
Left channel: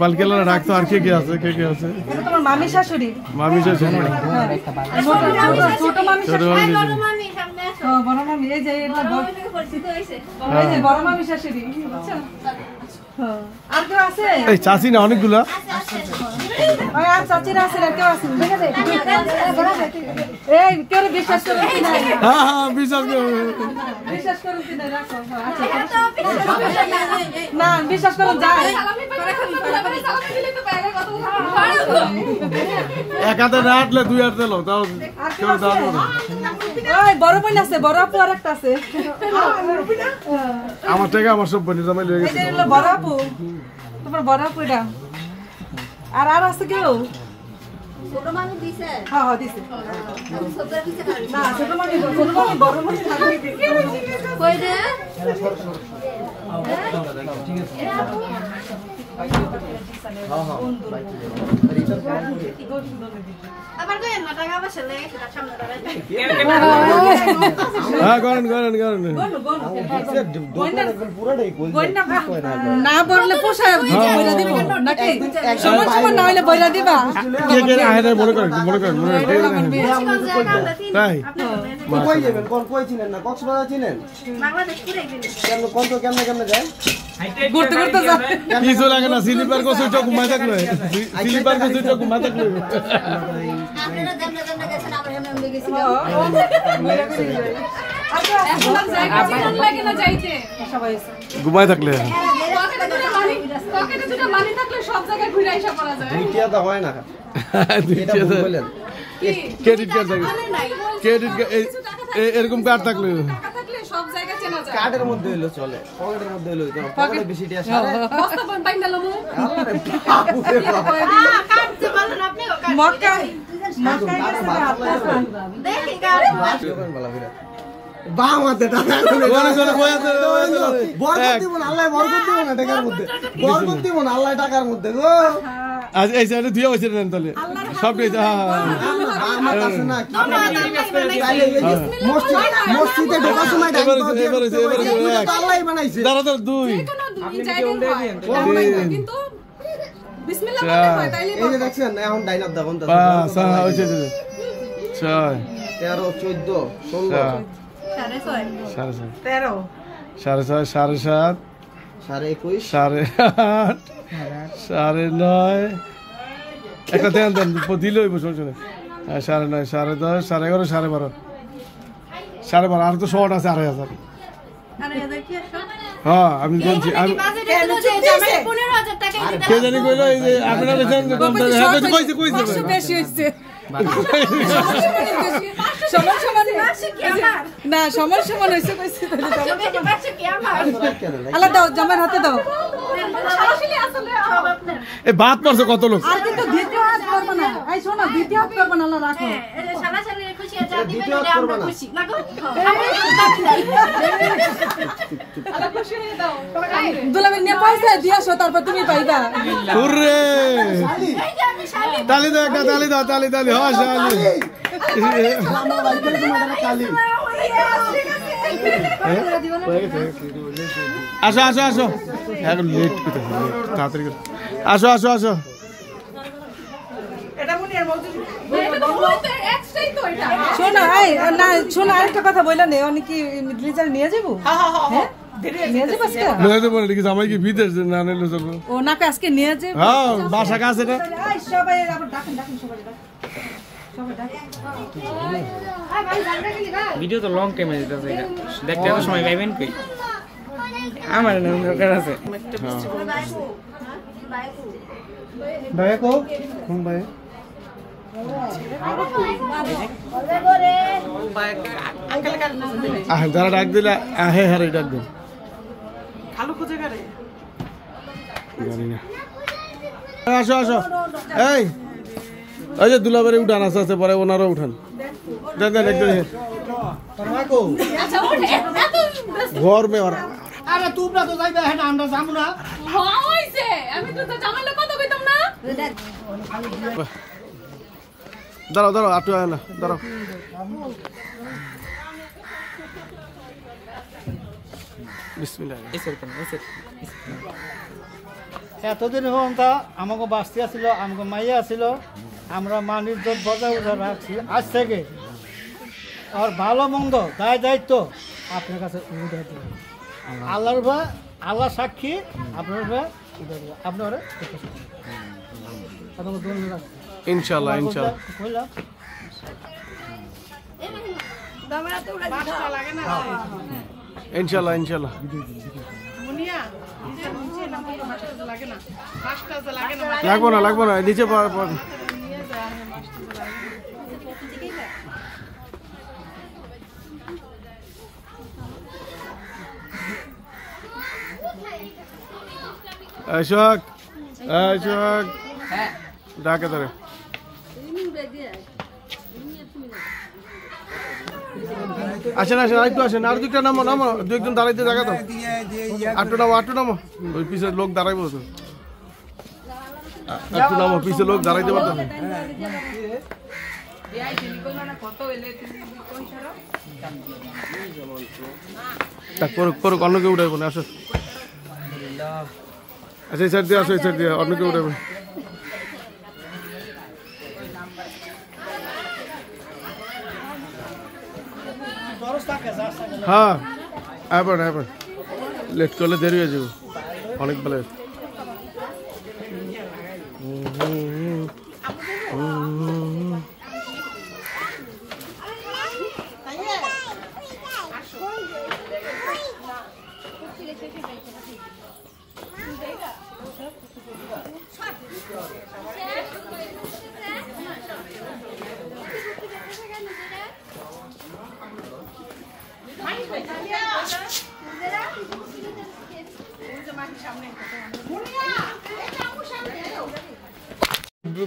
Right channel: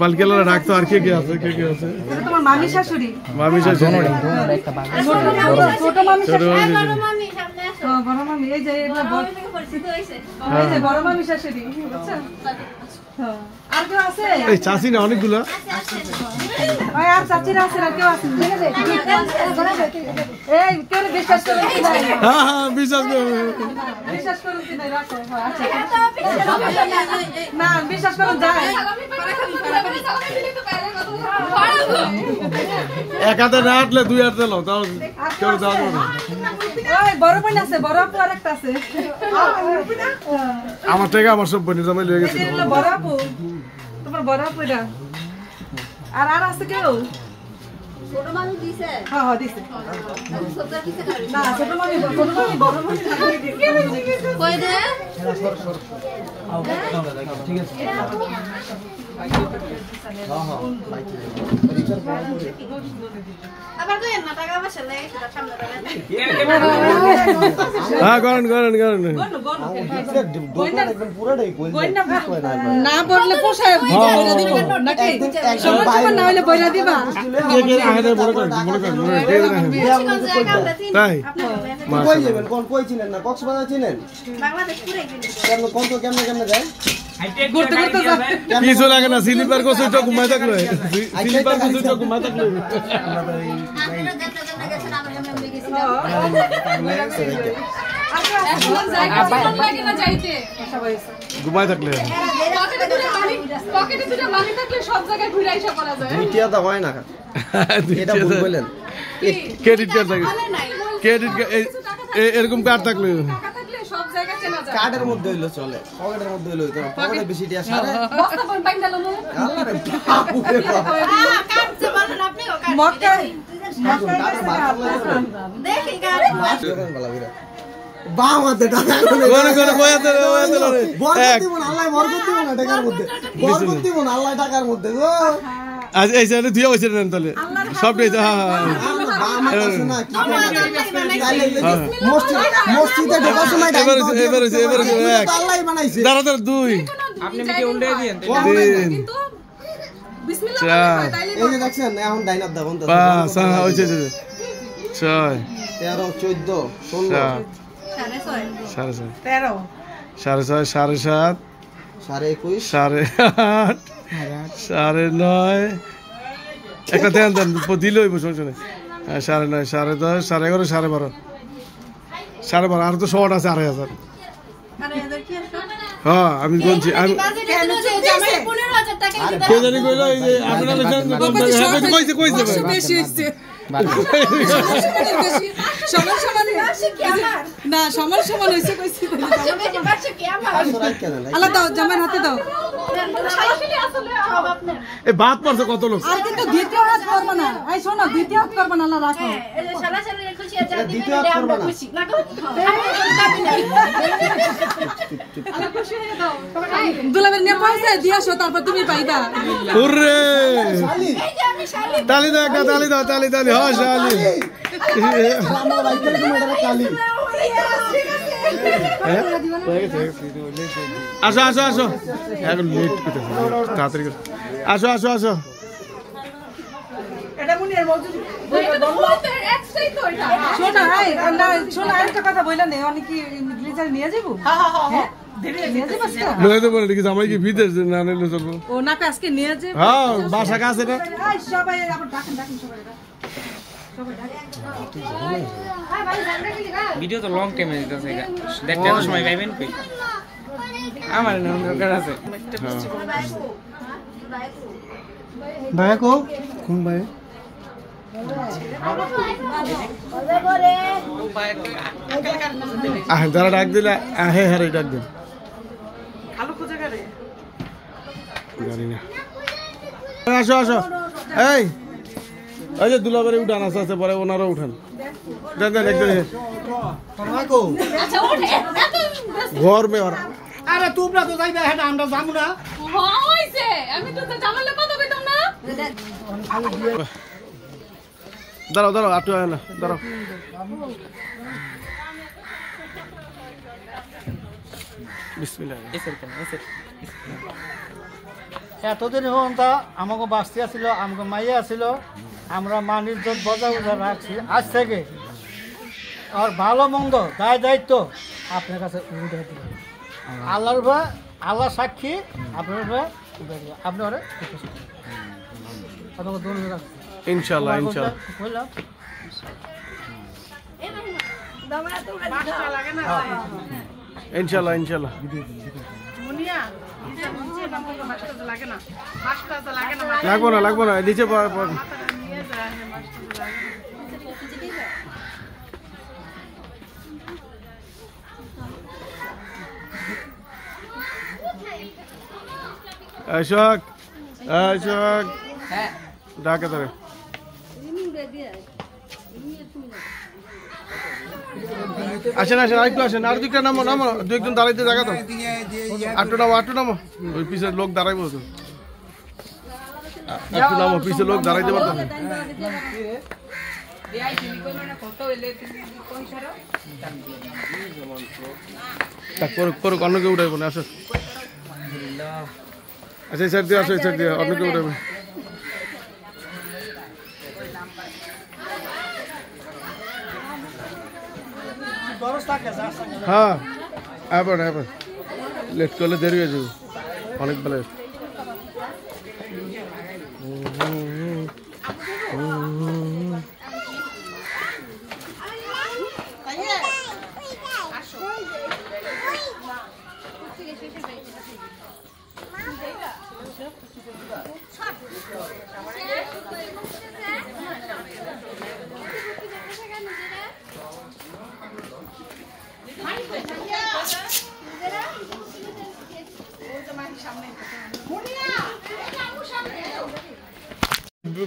পালকেলা ডাকতো আর কে কে আছে কে কে আছে তোমার মামি শাশুড়ি মামি শাশুড়ি ছোট মামি বড় মামি এই যে বড় মামি শাশুড়ি আর কেউ আছে এই চাচি না অনেকগুলা ওই আর চাচিরা আছে আর কেউ আছে এই কেউ বিশ্বাস করো কি না হ্যাঁ হ্যাঁ বিশ্বাস করো বিশ্বাস করো কি না রাখো না বিশ্বাস করো যায় এক হাতে না হাঁটলে দুই হাতে লো তাও কেউ দাও না ওই বড় বোন আছে বড় আপু আরেকটা আছে আমার থেকে আমার সব বোন জমা লিয়ে গেছে এটা হলো বড় আপু তোমার বড় আপু এটা আর আর আছে কেউ ছোট মানুষ দিছে হ্যাঁ হ্যাঁ দিছে সবটা কিছে না ছোট মামি বড় মামি কই দে আবার কই না টাকা পয়সা লাগে সেটা সামনে দাঁড়ায় হ্যাঁ করেন করেন করেন না বললে পোষায় নাকি সময় না হলে বইলা দিবা মনে করেন মনে করেন তাই কই যাবেন কোন কই চিনেন না কক্সবাজার চিনেন বাংলাদেশ পুরাই গেল কেমন কত কেমনে যায় ঘুরতে ঘুরতে যা কিছু লাগে না স্লিপার কোসে তো ঘুমাই থাকলো স্লিপার কোসে তো ঘুমাই থাকলো আপনারা দেন গেছেন আমরা এমনি গেছি এখন আর জায়গা চিকন লাগে না যাইতে ঘুমাই থাকলে পকেটে দুটো বালি থাকলে সব জায়গায় ঘুরে আইসা করা যায় দ্বিতীয় তো হয় না এটা ভুল বলেন ক্রেডিট কার্ড থাকে ক্রেডিট কার্ড এরকম কার্ড থাকলে টাকা থাকলে সব জায়গা চেনা যায় কার্ডের মধ্যে হইলো চলে পকেটের মধ্যে হইলো তো পকেটে বেশি টিয়া সারে বস্তা বন বাইন্দা লমু কাটতে বলেন আপনি মক্কাই দেখি গাড়ি বামাতে টাকা কোন কোন কয়াতে বরকত দিব না আল্লাহ বরকত দিব না টাকার মধ্যে বরকত দিব না আল্লাহ টাকার মধ্যে গো আজ এই সাইডে দিয়ে হইছে না তাহলে সবটাই বামাতে শোনা কি মসজিদে ঢোকার সময় এবার এক আল্লাহই বানাইছে দাঁড়া দাঁড়া দুই আপনি কি উন্ডে দিন কিন্তু বিসমিল্লাহ চার এই যে দেখছেন এখন ডাইনাপ দা বন্ধ পাঁচ হইছে ছয় 13 14 16 সাড়ে ছয় 13 সাড়ে ছয় সাড়ে সাত 21 সাড়ে আট সাড়ে নয় একটা দেন দেন দিলে হইব শুনে হ্যাঁ সাড়ে নয় সাড়ে দশ সাড়ে এগারো সাড়ে বারো আর তো শর্ট আছে 2,500 আরে এদের কি আসো হ্যাঁ আমি বলছি আমি বাজেটে দিলো যে জামাই 15000 টাকা দিতে কে জানি কইলো এই যে আপনারা বলছেন হ্যাঁ কইছে বেশি হইছে সমস্যা কি আমার না সমস্যা হইছে কইছে বাসা কি আমার আল্লাহ দাও জামাই হাতে দাও আসলে সব আপনার এই ভাত পড়ছে কত লোক আর কিন্তু দ্বিতীয় হাত করব না এই শোনো দ্বিতীয় হাত করব না আল্লাহ রাখো এই যে সারা সারা খুশি আছে আপনি দিলে আমরা খুশি লাগো দাবি নাই আল্লাহ খুশি হয়ে দাও দুলাবের নিয়ে পয়সা দিয়াছো তারপর তুমি পাইবা ওরে এই যে আমি শালি তালি দাও একটা তালি দাও হ্যাঁ শালি আমরা বাইকের কোনো এটা কালি আসো এখন লেট করতেছে তাড়াতাড়ি করে আসো এটা মুনিয়ার মৌজুদ এটা তো মুনিয়ার এক্সট্রাই তো এটা শোনা এই না শোনা আরেকটা কথা বইলা নে অনেক কি গ্লিজার নিয়ে যাব হ্যাঁ নিয়ে যাব আজকে লয়ে দেবো না কি জামাই কি বিদেশ না নিলে চলবে ও না আজকে নিয়ে যাব হ্যাঁ বাসা কাছে না এই সবাই আবার ডাকেন সবাই ভিডিও তো লং টাইমে দিতেছে এটা দেখতে এত সময় পাইবেন কই আমার না দরকার আছে ভাই কো ভাই যারা ডাক দিলে হ্যাঁ ডাক দিন গাড়ি না আসো এই ওই যে দুলাবারে উঠান আছে পরে ওনারও উঠান দেন একদম আচ্ছা ওঠে এত ঘর মে ওরা আরে তোমরা তো যাইবে হ্যাঁ আমরা যাবো না হইছে আমি তো জামাইলে কথা কইতাম না দাঁড়াও আটু আয় না দাঁড়াও বিসমিল্লাহ এতদিন হন তা আমাকে বাঁচতে আসছিল আমাকে মাইয়া আসছিল আমরা মানির জোট বজায় রাখছি আজ থেকে আর ভালো মন্দ দায়িত্ব আপনার কাছে উঠে দেবেন আল্লাহর ভাই আল্লাহ সাক্ষী আপনার ভাই উঠে দেবেন আপনি ওরা আপনাকে দোন ইনশাআল্লাহ বললাম ইনশাআল্লাহ লাগবো না নিচে আশোক ডাকে ধরে আসেন আরেকটু আসেন আর দুইটা নামো দু একজন দাঁড়াইতে জায়গা তো আটটু নামো ওই পিছে লোক দাঁড়াইবো তো একটু নামো পিছে লোক দাঁড়াইতে পারতো অন্য কেউ উঠাইবো না আসো আচ্ছা এই সাইড দিয়ে অন্য কেউ উঠাইবো হ্যাঁ আবার লেট করলে দেরি হয়ে যাবে অনেক বেলা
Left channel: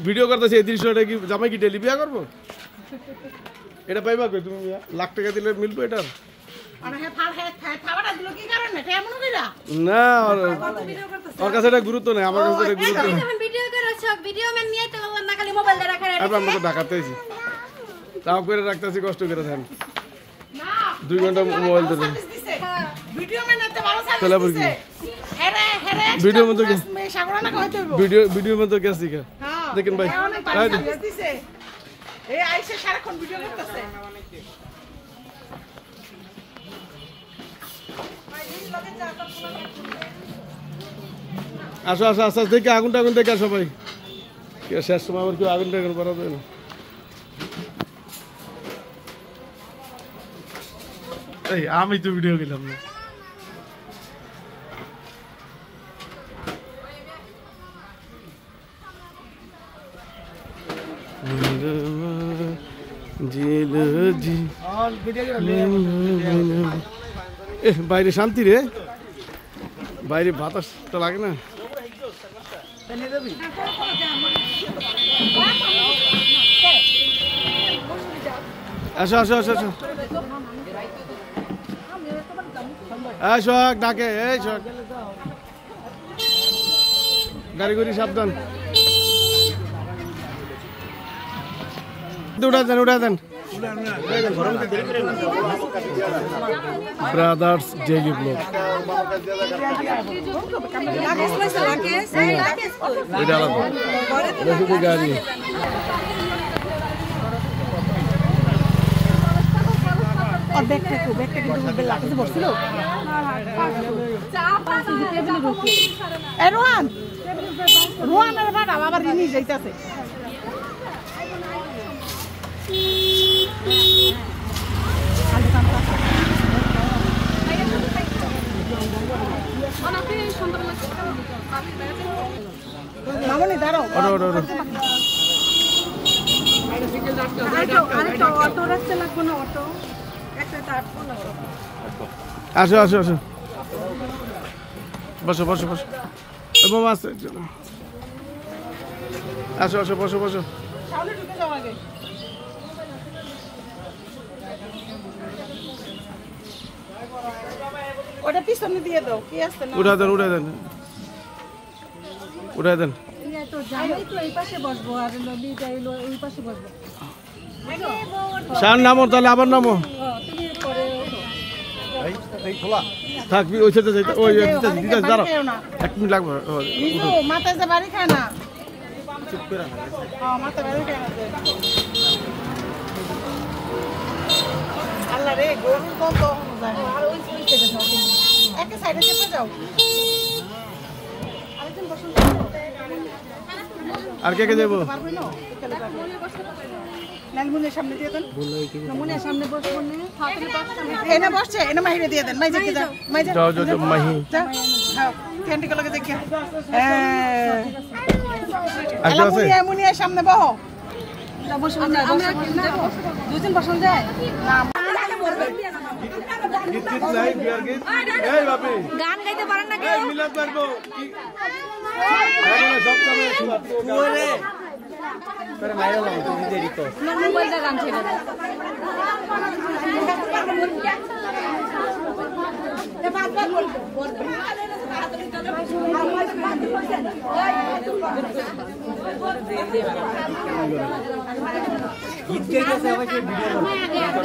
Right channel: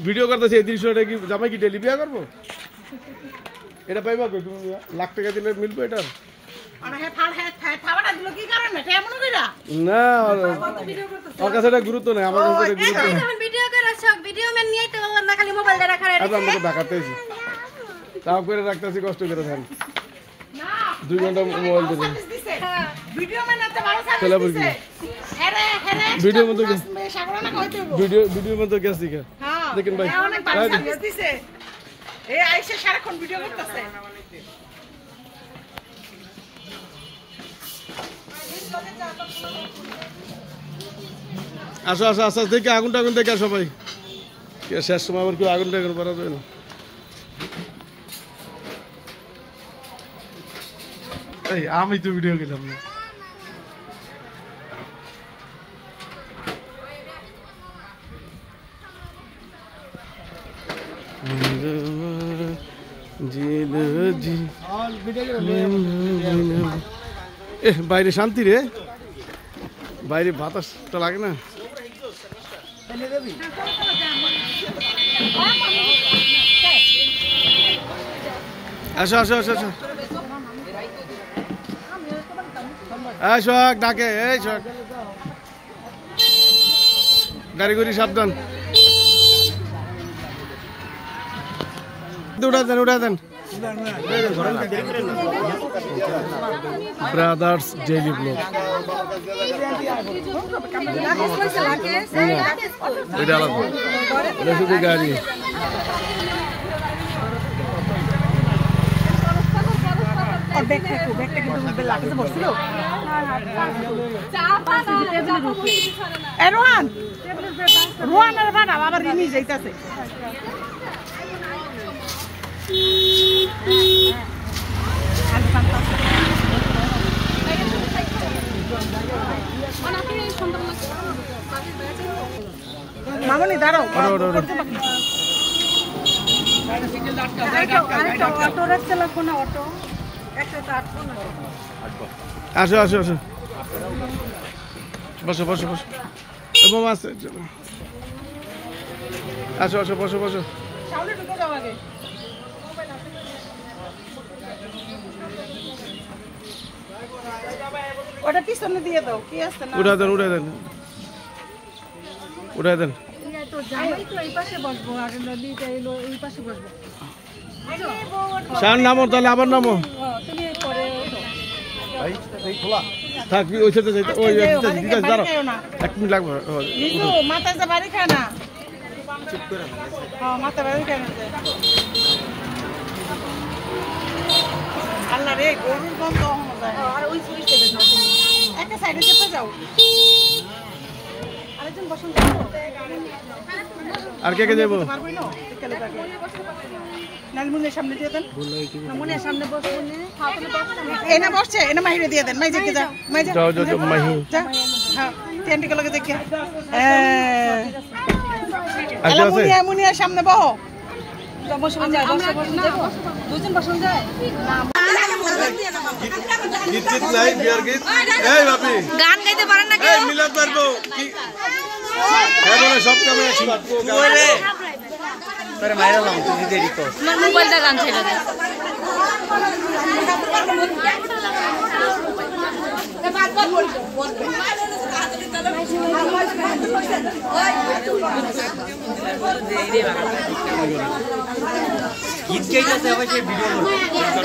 ভিডিও করতেছি এই দৃশ্যটা কি জামাই কি ডেলি বিয়া করবো? এটা পাইবা কই তুমি? লাখ টাকা দিলে মিলবো এটা? না ওর কাছে এটা গুরুত্ব নেই, আমার কাছে এটা গুরুত্ব নেই। আমরা তো ঢাকাতেছি, তাও করে রাখতেছি কষ্ট করে ধ্যান 2 ঘন্টা মোবাইল ধরে তেলাপুর কি ভিডিও মতো ভিডিও মতো গেছি কা দেখেন ভাই আসো আসো আস্তে আস্তে দেখে আগুন টাগুন দেখে সবাই শেষ সময় আবার কেউ আগুন টাগুন করা যায় না। এই আমি তো ভিডিও গেলাম না। বাইরে শান্তি রে, বাইরে বাতাসটা লাগে না। আসো আসো আসো আসো এই শোক ডাকে, এই শোক গাড়ি গুড়ি সাবধান, উঠা দেন উঠা দেন। ব্রাদার্স ডেইলি ব্লগ ওইটা আলাদা, ওটা শুধু গাড়ি। রোহান রোহানের ভাড়া আবার নিয়ে যাইতেছে। মামনি দাঁড়াও, অটো রাখতে লাগবো না, অটো আসো আসো আসো বসো বসো বসো, মামা আছে, আসো আসো বসো বসো। ওটা পিছনে দিয়ে দাও, কি আছে না উঠা দেন উঠা দেন উঠা দেন। সার নামো তাহলে আবার নামো, থাকবি ওই সাথে যাইতে, ওই দিতে দাঁড়াও 1 মিনিট লাগবে। মাথা যা বাড়ি খায় না, মাথা বাড়ি খায় না। আল্লাহ রে গরু বন্ধ আর ওই সাইডে যাও, তুমি একটা সাইডে চেপে যাও। আরেকজন বসুন, আর কে কে যাবো? লালমুনের সামনে দিয়ে দেন, লালমুনের সামনে বসুন, এনে বসছে, এনে মাহিরে দিয়ে দেন। মাই দেখে যাও, মাই যাও যাও যাও মাহি, হ্যাঁ ক্যান্ডি গুলোকে দেখে মুনিয়ার সামনে বহো। দুজন বসুন যায় গান গাইতে পারেন না কেউ? তোমার মোবাইলটা গান ছেড়ে দেয়।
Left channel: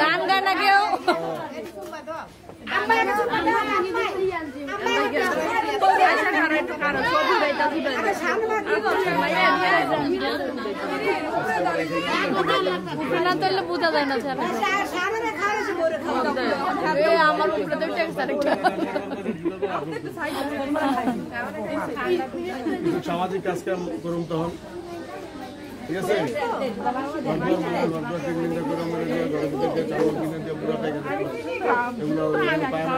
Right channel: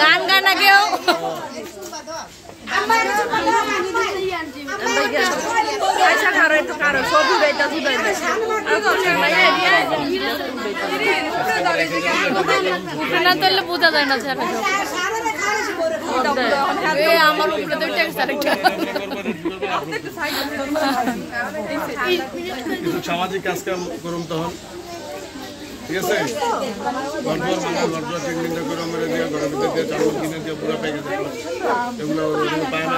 গান গায় না কেউ? না তাহলে বোঝা যায় না স্যার, আমার উপরে তো ট্যাক্স আরেকটা। সামাজিক কাজ কাম করুন তখন, ঠিক আছে? ঘর ট্রিটমেন্টটা করে আমরা দিয়ে ঘরের ভিতরে দিয়ে চাউল কিনে দিয়ে পুরো পেকে যাবে, এগুলো পায় না।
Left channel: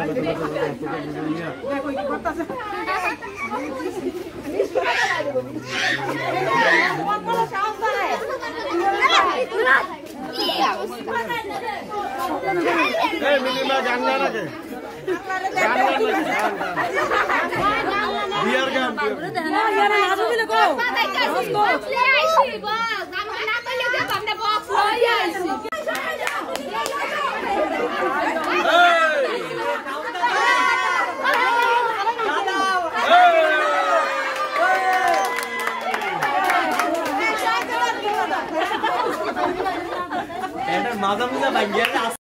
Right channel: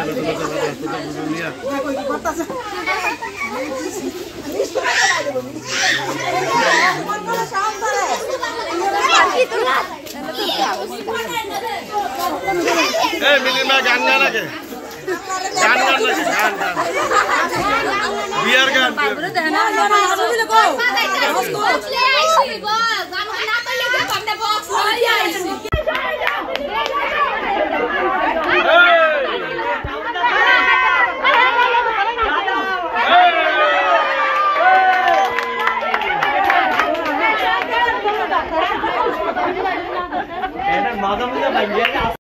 গান গান আগে গান গান নাকি গান গান বিয়ার গান মাথা মুজা ভাঙিয়া